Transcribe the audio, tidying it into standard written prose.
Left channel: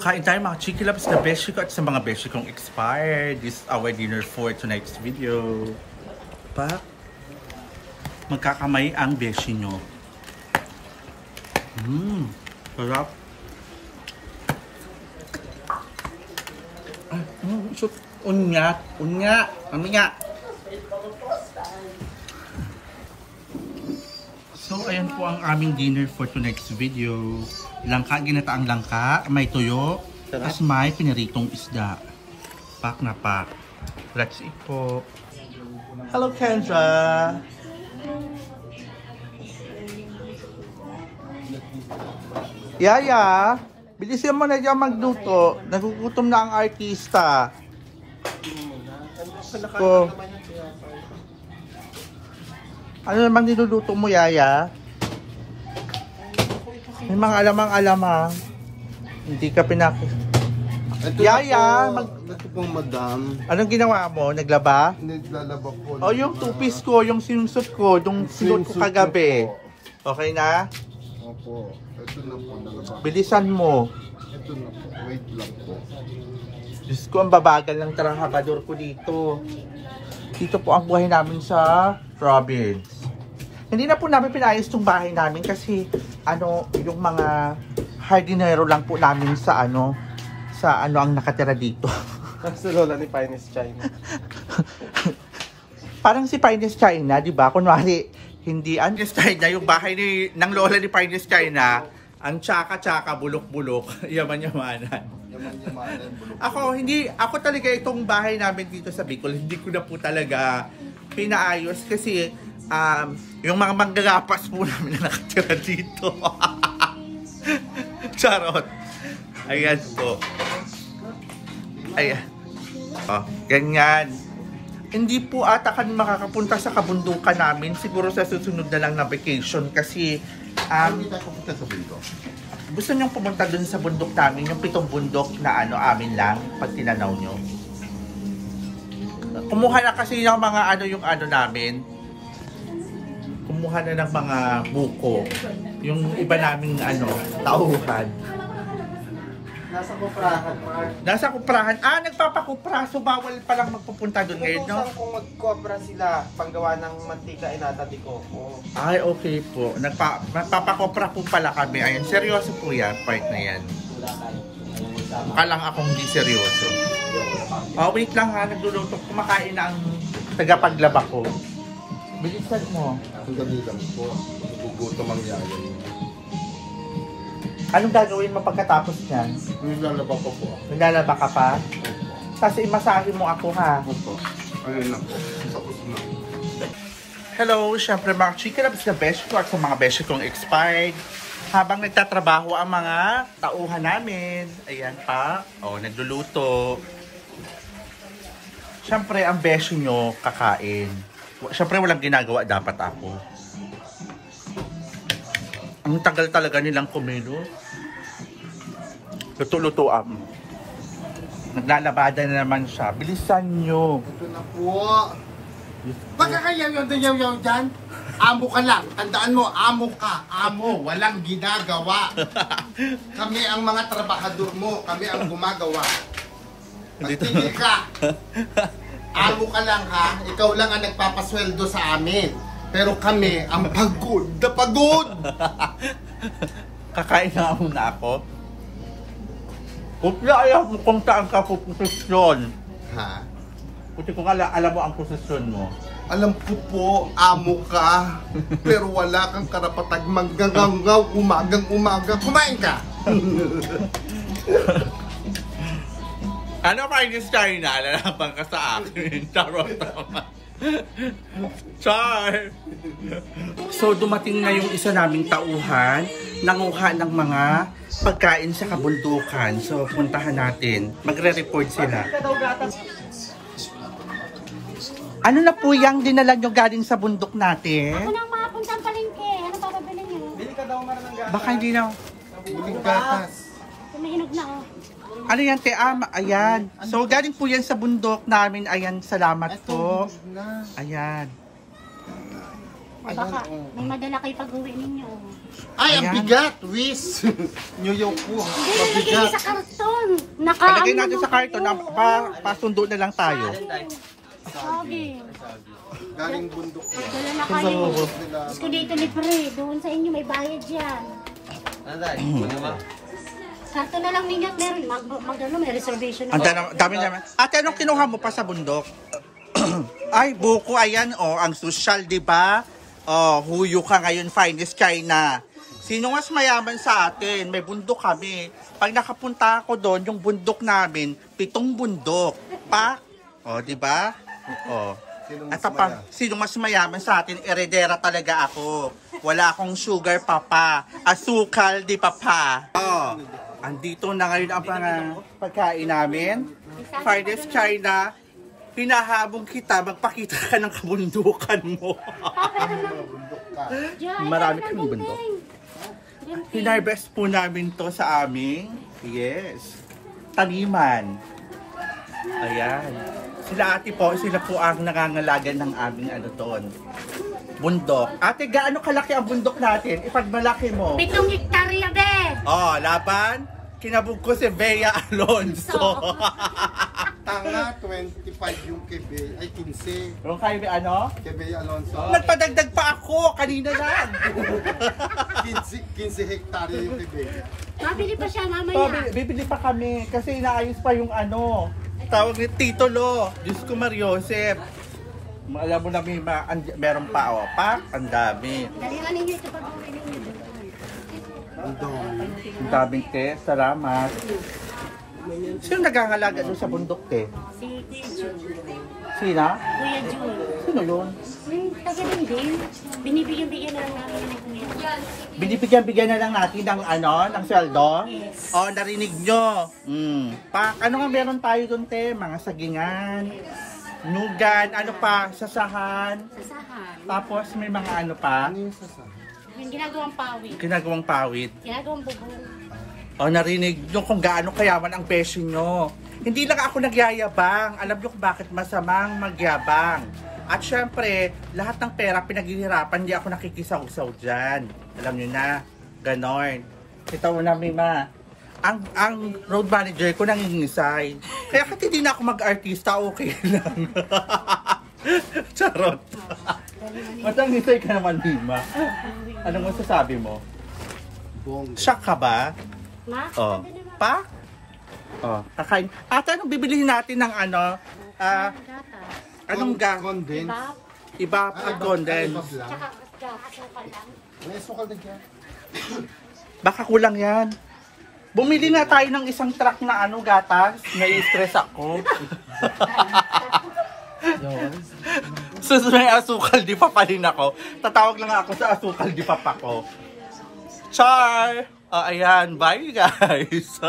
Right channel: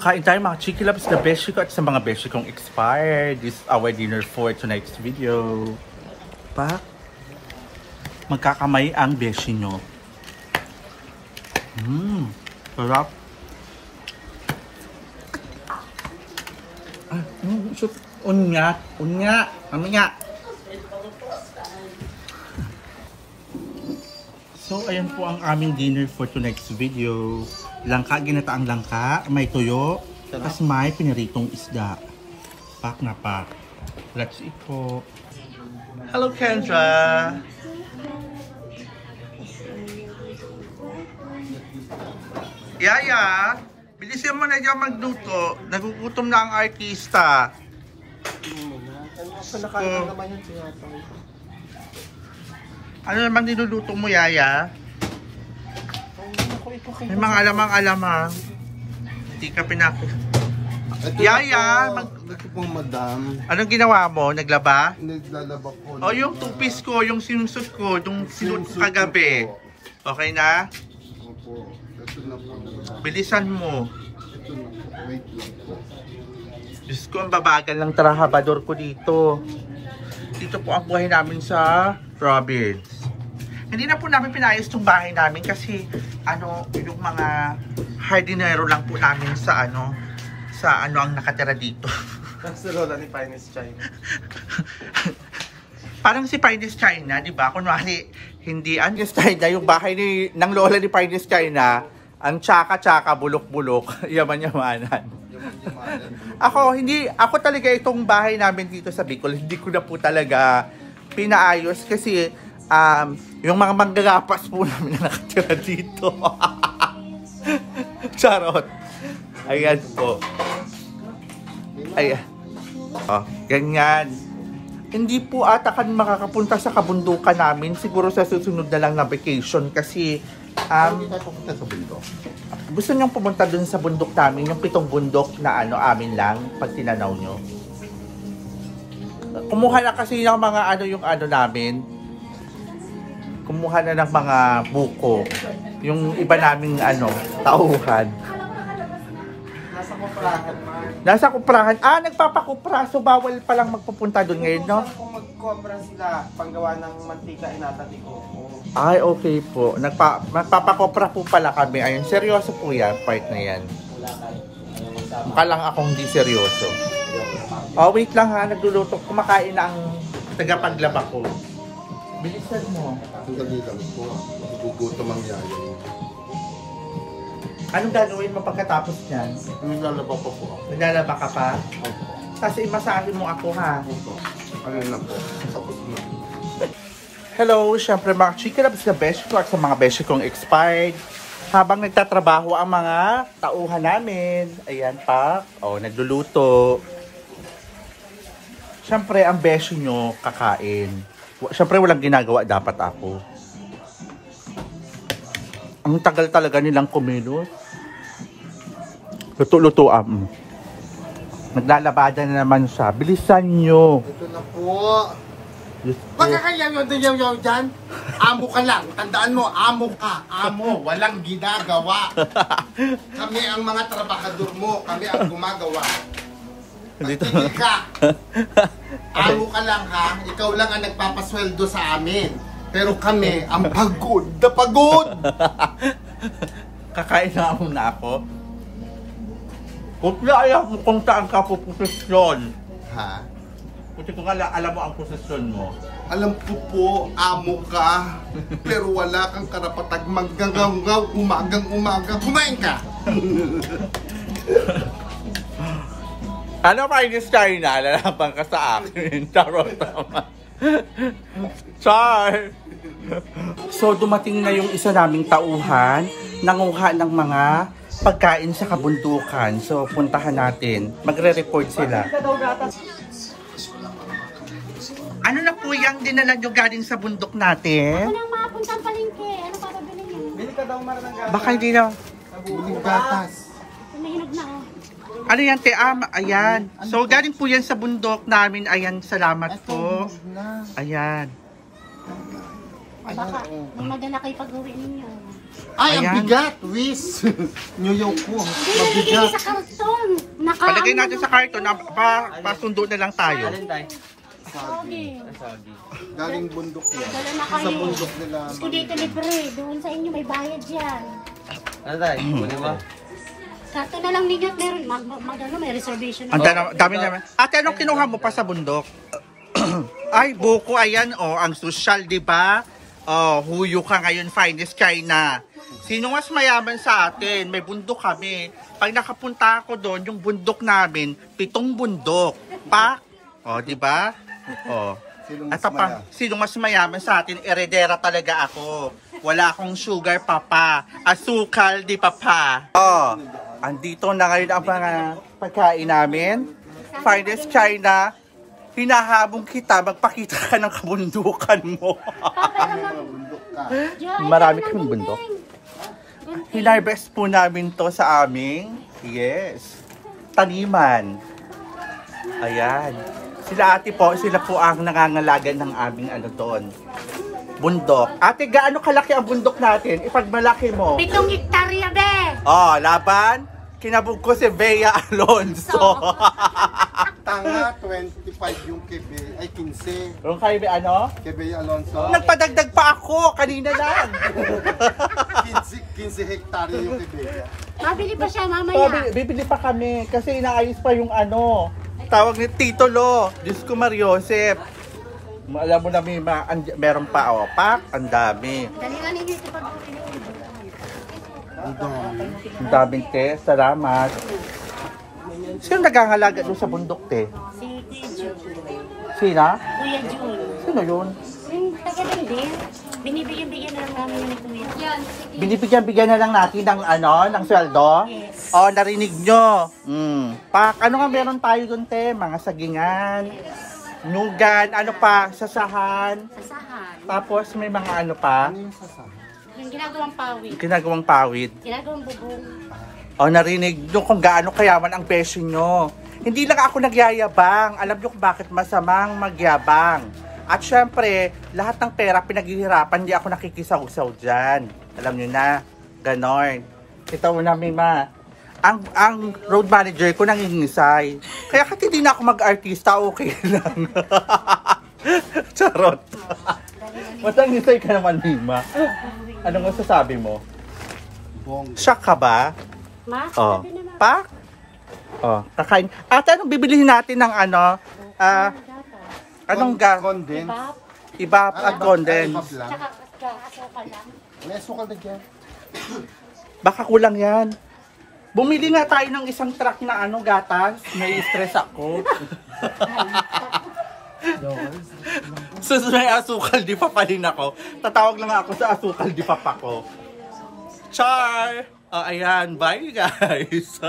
Kain tayo mga Chiki Loves, the beshi ko at sa mga beshi kong expired. This is our dinner for tonight's video. Pa, magkakamay ang beshi nyo. Sarap. Unya, kami nga. So, ayan po ang aming dinner for tonight's video. Langka, ginataang langka, may tuyo, tapos may piniritong isda. Pak na pak. Let's eat po. Hello, Kendra! Yaya, bilisin mo na dyan magluto. Nagugutom na ang artista. So, ano naman niluluto mo, Yaya? May mga alamang-alamang. Hindi ka Yaya! Ito pong madam. Anong ginawa mo? Naglaba? Naglalaba po. O yung two-piece ko, yung sinusot ko, yung sinut ko kagabi. Okay na? Opo. Ito na po. Nalaba. Bilisan mo. Ito na po. Wait lang po. Diyos ko, ang babagal ng trabahador ko dito. Dito po ang buhay namin sa province. Hindi na po namin pinayos itong bahay namin kasi yung mga hardinero lang po namin sa ang nakatira dito. Si Lola ni Finest China. Parang si Finest China, di ba? Kunwari, hindi Finest China, yung bahay ng Lola ni Finest China, ang tsaka-tsaka, bulok-bulok, yaman-yamanan. Ako talaga itong bahay namin dito sa Bicol, hindi ko na po talaga pinaayos kasi yung mga manggagapas po namin na nakatira dito. Charot. Ayan po. Ayan. Oh, ganyan. Hindi po ata kami makakapunta sa kabundukan namin. Siguro sa susunod na lang na vacation kasi gusto niyong pumunta dun sa bundok namin, yung 7 bundok na amin lang pag tinanaw nyo. Kumuha na kasi yung mga namin. Kumuha na ng mga buko. Yung iba naming tauhan. Nasa kuprahan. Nasa kuprahan. Nagpapakupra. So bawal palang magpupunta doon ngayon, no? Kung magkopra sila, panggawa ng mantika inatati ko. Ay, okay po. Nagpapakopra po pala kami. Ayun, seryoso po yan, part na yan. Mukha lang akong hindi seryoso. Wait lang ha, nagluluto. Kumakain na ang tagapaglaba ko. Bilisan mo. Ang dali lang po. Nagugutom ang yaya niyo. Anong gagawin mo pagkatapos niyan? Naglalaba ko po. Naglalaba ka pa? Opo. Kasi imasahin mo ako ha. Opo. Ayun lang po. Tapos na. Hello, syempre mga Chiki Loves na beshi ko at sa mga beshi kong expired. Habang nagtatrabaho ang mga tauhan namin. Ayan pa. Nagluluto. Syempre ang beshi nyo kakain. Syempre walang ginagawa dapat ako. Ang tagal talaga nilang kumilos. Luto-lutoan. Naglalabada na naman siya. Bilisan nyo. Ito na po. Pagkakayaw dyan, amo ka lang. Tandaan mo, amo ka. Amo, walang ginagawa. Kami ang mga trabahador mo. Kami ang gumagawa. Pagpili ka. Amo ka lang ha. Ikaw lang ang nagpapasweldo sa amin. Pero kami ang pagod na pagod. Kakain na muna ako. Kung ayaw mo kung saan ka po posisyon. Ha? Kasi kung alam mo ang posisyon mo. Alam ko po, amo ka. Pero wala kang karapatag manggangaw umagang-umaga. Kumain ka! Ano Finest China? Lalaban ka sa akin. Charot naman. Char! So dumating na yung isa naming tauhan. Nanguha ng mga pagkain sa kabundukan. So puntahan natin. Magre-report sila. Ano na po yung dinala nyo galing sa bundok natin? Ako nang mapuntang palengke. Ano papabili niyo? Bili ka daw maraming Baka hindi na. Biling gatas. Tumahinog na oh. Ano yan, te? Ayan. So, galing po yan sa bundok namin. Ayan, salamat po. Ayan. Baka Ayan, oh. may madala kayo pag-uwi ninyo. Ay, ang Ayan. bigat, Wiz. New ko. Hindi, nalagay niyo Mabigat. sa karton. Palagay natin sa karton, pasundo na lang tayo. Sabi. Galing bundok yan. Dala na kayo. nila. Gusto dito libre. Doon sa inyo may bayad yan. Karton na lang ninyo at meron. May reservation na. Ang dami naman. Ate, anong kinuha mo pa sa bundok? Ay, buko, ayan, ang social, di ba? Huyo ka ngayon, finest China. Sino mas mayaman sa atin? May bundok kami. Pag nakapunta ako doon, yung bundok namin, 7 bundok. Pak? Di ba? At pa, sino mas mayaman sa atin? Eredera talaga ako. Wala akong sugar, papa. Asukal, di papa. Andito na ngayon ang pagkain namin. Finest China. Pinahabong kita, magpakita ka ng kabundukan mo. Marami kang bundok. Hinarvest po namin to sa aming, taniman. Ayan. Sila ate po, sila po ang nangangalagan ng aming doon. Bundok. Ate, gaano kalaki ang bundok natin? Ipagmalaki mo. 7 hektarya, be! Laban. Kinabog ko si Bea Alonso. Tanga, 25 yung kebe. Ay, 15. Yung kay ano? Kebe Alonso. Nagpadagdag pa ako, kanina lang. 15 hektarya yung kebe. Mabili pa siya mamaya. Bibili pa kami kasi inaayos pa yung tawag ni Tito Lo. Diyos ko Mariosep. Alam mo na meron pa, pak, ang dami. Dalihan ninyo ito pag Ang daming te, salamat. Sino nagangalaga doon sa bundok, te? si Kuya Jun. Sina? Kuya Jun. Sino yun? Yung taga lang din. Binibigyan-bigyan na lang namin ng Kuya. Binibigyan na lang natin ng ng sweldo? Yes. Narinig nyo. Pak, ano nga meron tayo doon, te? Mga sagingan, nugan, sasahan. Sasahan. Tapos may mga pa? Ano yung sasahan? Yung ginagawang pawid. Ginagawang pawid. Ginagawang bubong. Narinig nyo kung gaano kayaman ang beso nyo. Hindi lang ako nagyayabang. Alam nyo kung bakit masamang magyabang. At syempre, lahat ng pera pinaghihirapan, hindi ako nakikisaw-saw dyan. Alam nyo na, ganon. Ito namin ang road manager ko nangingisay. Kaya kahit hindi na ako mag-artista, okay lang. Charot. Matangisay ka naman, Mima. Anong masasabi mo? Bong. Shock ka ba? Ma? Pa? Kakain. Ate, anong bibilihin natin ng anong Condense. Iba at condense. lang. May sukal na dyan. Baka kulang yan. Bumili na tayo ng isang truck na gatas. Nai-stress ako. Sus, may asukal, di pa rin ako. Tatawag lang ako sa asukal, di pa ko. Char! Ayan, bye guys!